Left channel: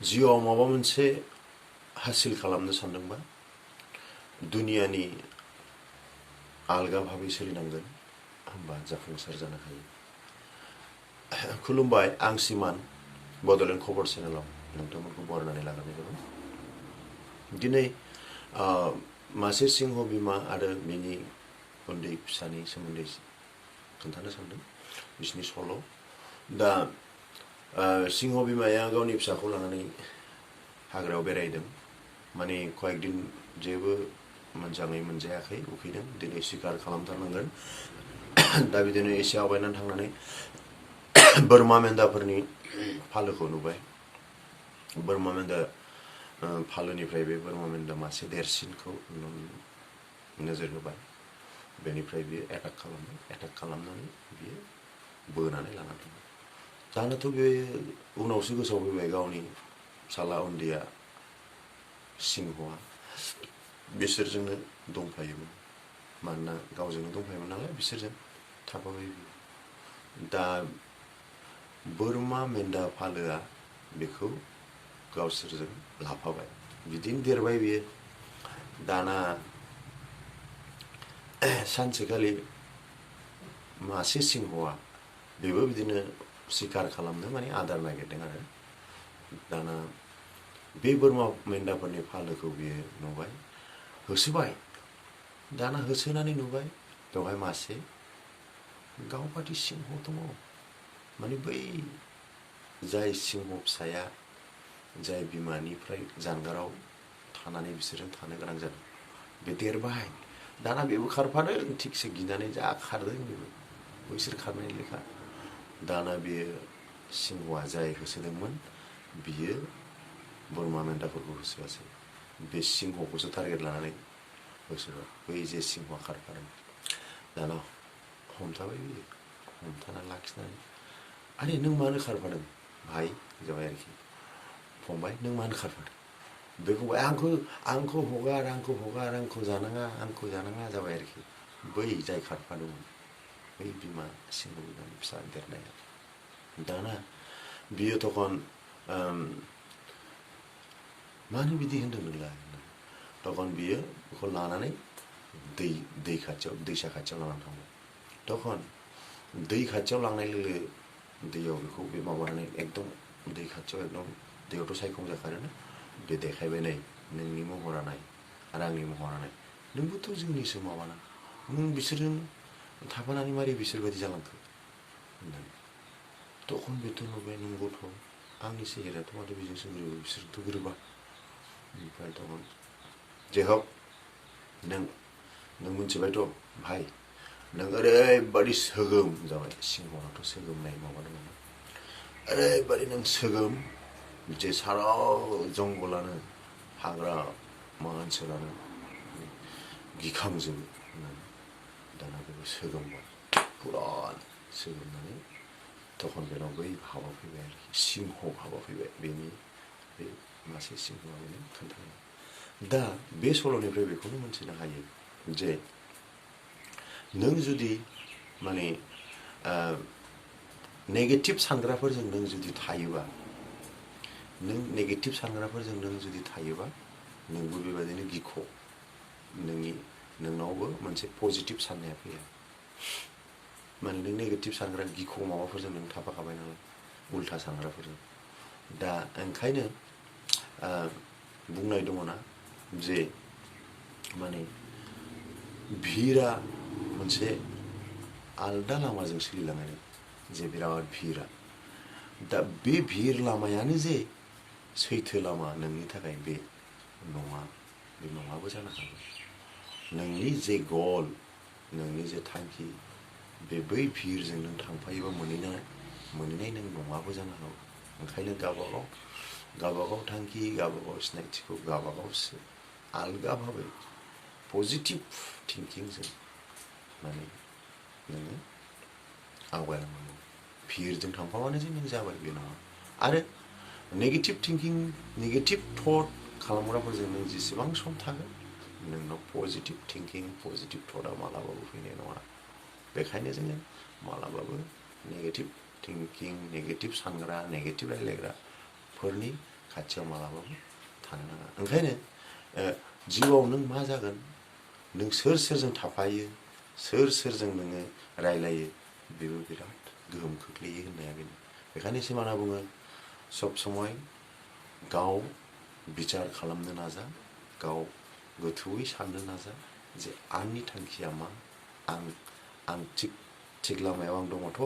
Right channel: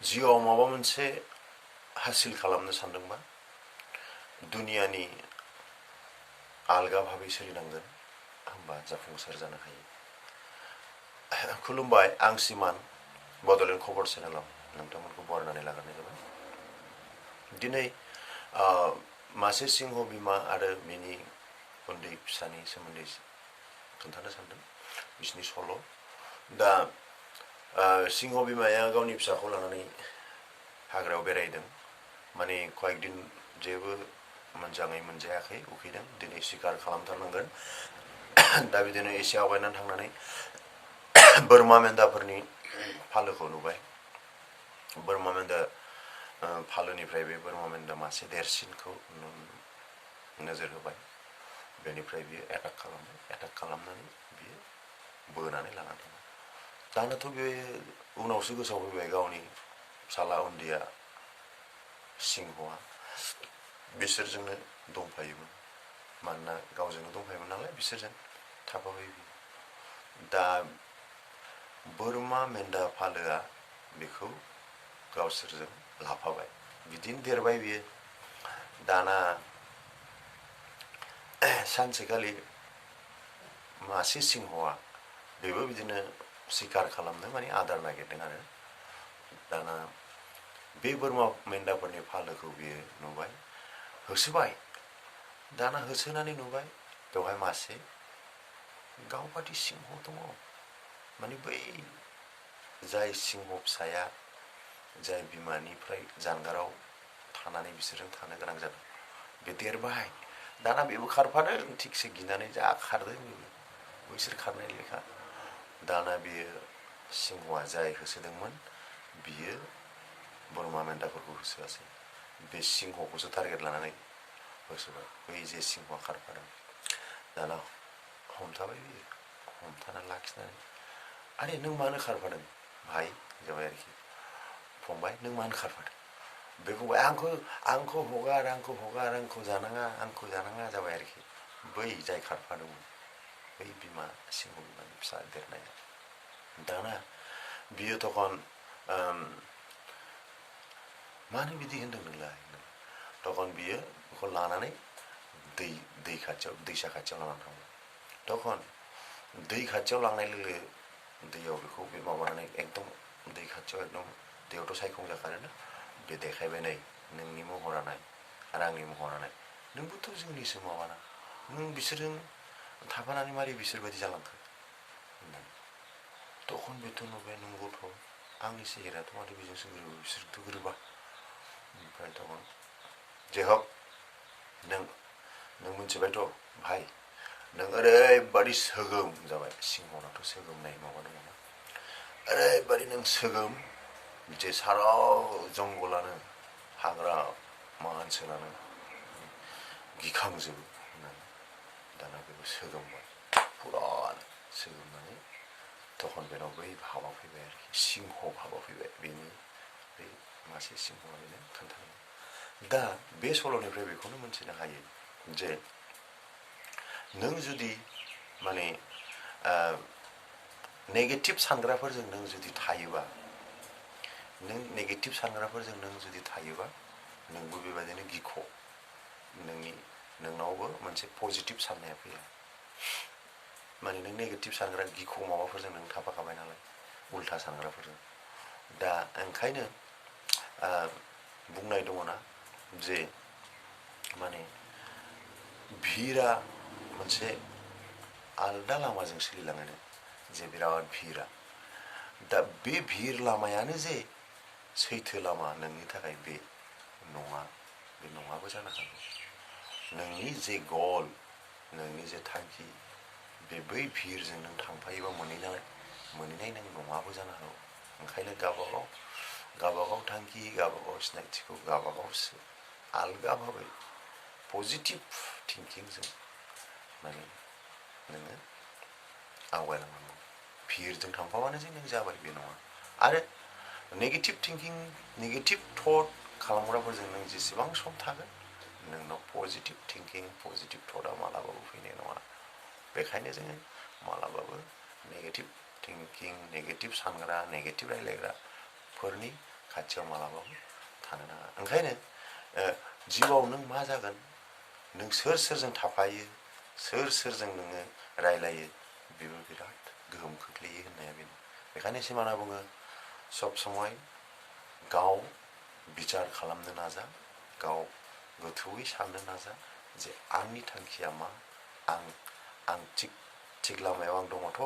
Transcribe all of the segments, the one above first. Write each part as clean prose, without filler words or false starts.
जिउआव माबा मोनसे हासिल खालामनो सानदोंबा दुनियानि आलगा भाबै सोलिनांगोन, होमबा जाफुंसार जानो हायो। खुलुमबाय, आं सिमान बड'लेण्ड खबर चेनेलाव नोंथांमोनखौ बरायनानै लाग्रोनाय जाबाय। दिनै मासे सिंह बिमा आरो बिनि उन्दै फिसानि सोमोन्दै खोन्थानो सानदों, बिसिनि सल'। दा सिंह बिमाया गावनि फिसाखौ लानानै हाग्रायाव बेरायदों। माने कয়েক दिन जेबो मोजाङै मोनजायाखै, उखैदों, दिनै शिकार खालामथारनांगोन। दा बिदिनो एसे आवगायनानै थांनानै बोरमा मेन्दाफोरनि फालोखौ नुबाय। बोरमा मेन्दा फालोनिफ्राय बे बोरमा मेन्दा मासे देरसिनखौ नोजोर होबाय। बेनिफ्राय बियो एटाक खालामबाय। एटाक खालामनानै बियो बोनानै लानानै थांबाय। दानोथ' बे उनावसो गोसोआव फैबाय गावनि फिसाला उन्दैया सिंहआ बिसोरजोंनो दंफायोमोन। मानोना गावजोंनो दंफायोमोन नालाय बिसोरजों थाफाबाय बियो। दा बोरमा मेन्दा फालोआ बेखौ गावसोरजों लाफाबाय। बिदिनो देरबाय बियो। दाना सानसेखालि मासे सिंहआ बेबो बिदिनो शिकार खालामनो माने आदार नागिरदों आरो। दाना बे बोरमा मेन्दाफोरनि फालोखौ बियो नुबाय, होसोबाय। दाना होसोनानै नुबाय बेवहाय मासे गावबादि सिंह दङ। माने बै जाय सिंह फिसाया जाय बिमानिफ्राय जानगाराव थानानै बिसोरजों थानो गोनां जादों, बे देरबाय। दाना बेबो खारफादों, थिगसे गिनानै जा खारदों बेबो, बैसोर खारनाय लेखा। दाना बियो सिंहआ जाय होसोदोंमोन बियो बोरमा मेन्दाफोरखौ होसोआसै, बे सिंहखौसो टारगेट लानानै होसोबाय, बै जे सिंहआ खारफादों। दाना हमथाबाय बियो, हमथानानै लाखिनानै, आरे नों मानो खारफादों भाइ जाबाय आरोखि, फंबाय नों मानो खारफादों? बे फंबाय आंखौ हगार, आंखौ जानाङा जाबाय आरोखि। बै जाय खारफादोंमोन बै बिमा सिंह बिमानि फिसा देरनाया। दाना बियो तखन मानो बिदि होनदों नोंलाय? तखन बियो बेखौ लानानै दैसा खाथियाव लानानै थांबाय। तखन दै खाथियाव लांनाय लोगो दैयाव बेखौ बे माबानानै एकदम दै खाथियाव एकदम दैयावथ' सायखं जाखारोना, बे देखायबाय, नै नोंनि महरा नाय आरो आंनि महरा नाय, नोंबोथ' जोंनिसो माबाना, नों बिसोरजों थाफानानै मारै बिसोरबायदि जालांखो होननानै। तखन बेथ' नुबाय, नंगौथ' आंनि सेहेरायाथ' माथो बेजोंसो गोरोबो, बिसोरथ' गोरोबा। ओमफ्राय तखन जेहक नों मिथिबायथ' भाइ, नों ओरैबादि सोगोम जाबाय। सिंहनाथ' सोगोमनाय माबा दङ ना, ओरैबादि नों सोगोम जे सारा जंगलानो, हाग्रा ओनसोलानो गिखांजोबो होननानै। दाना बेखौ सोगोमबाय, फुरा सोगोमनानै तखन बेनाव बै भाबा फैबाय आरोखि, सिंह भाबा फैबाय। बेनि बे मासे सिंहआ बेनो खोन्थायो। दा बे सल'निफ्राय बेखौनो मोनथिनो हायो जे नों जुदि माने नेगेटिभ सानग्राफोरजों नों जुदि थायोबा, नोंबो बेबायदिनो गिख', नोंनावबो मोनसे पजिटिभ साननाया फैया। माने नों नेगेटिभ सानग्रा गिख' माबाफोरजों नों थाफाखाबाय नालाय, उल्था सानग्राफोरजों। दा ओंखायनो बुंनाय दङना जे माने भिरा मोनसे आलदा लामाजों सोलिलाङो, जे बिराद भिरा। दा बे भिर लामायानो जे सैथो लामा नोंनि थाखाय बे नङा, बे नङाबो जानो हागौ। नोंनि जे गल, नोंनि जे थांखि, बे बै भिरजों नों थांफायोबा मोनहैनाय नों नङाबो जानो हागौ। ओंखायनो गावबागाव थांखि, गावबागाव सिनायथिखौ गावबागावसो आलगा भाबै पजिटिभ थिंकिंजों माने नोङो आवगायलांनांगौ। भिरजों थांफाबानो जे नों जाबाय बे नङा। आरो नेगेटिभ थिंकिं, नेगेटिभ थट खालामग्राफोरजों नों जेसेबां सम थागोन, नोंनाव पजिटिभ थिंकिं, पजिटिभ थटआ मालाबाबो फैनाय नङा। बेखायनो जोङो मालाबाबो नेगेटिभ थिंकिं, नेगेटिभ सानग्रा, नेगेटिभ रायलायग्राफोरनि खाथियाव मालाबाबो थानो नाङा। ओंखायनो जिउआव नों मा जागोन, नों सोर सोरजों थाफायो, सोर सोरजों नोङो रायलायो, बेबो बिराद गोहोम खोख्लैयो होननाया बेनो। बेखायनो सिमाना बुङो सब समय गाव बिचार खालामनो नाजा, गाव गोथौयै साननो नाजा जे आंनि थांखिया मा, आं थिग लामायाव आं दङथ',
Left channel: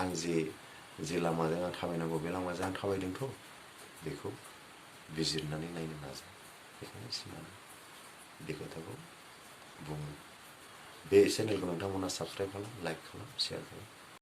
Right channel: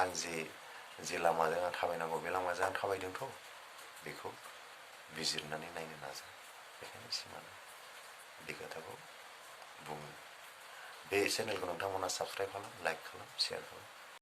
आं जे लामाजों आं थाबायनांगौ बे लामाजों आं थाबायदोंथ', बेखौ बिजिरनानै नायनो नाजा। बेखायनो सिमाना बे खोथाखौ बुङो। बे चेनेलखौ नोंथांमोना साबसक्राइब खालाम, लाइक खालाम, शेयार खालाम।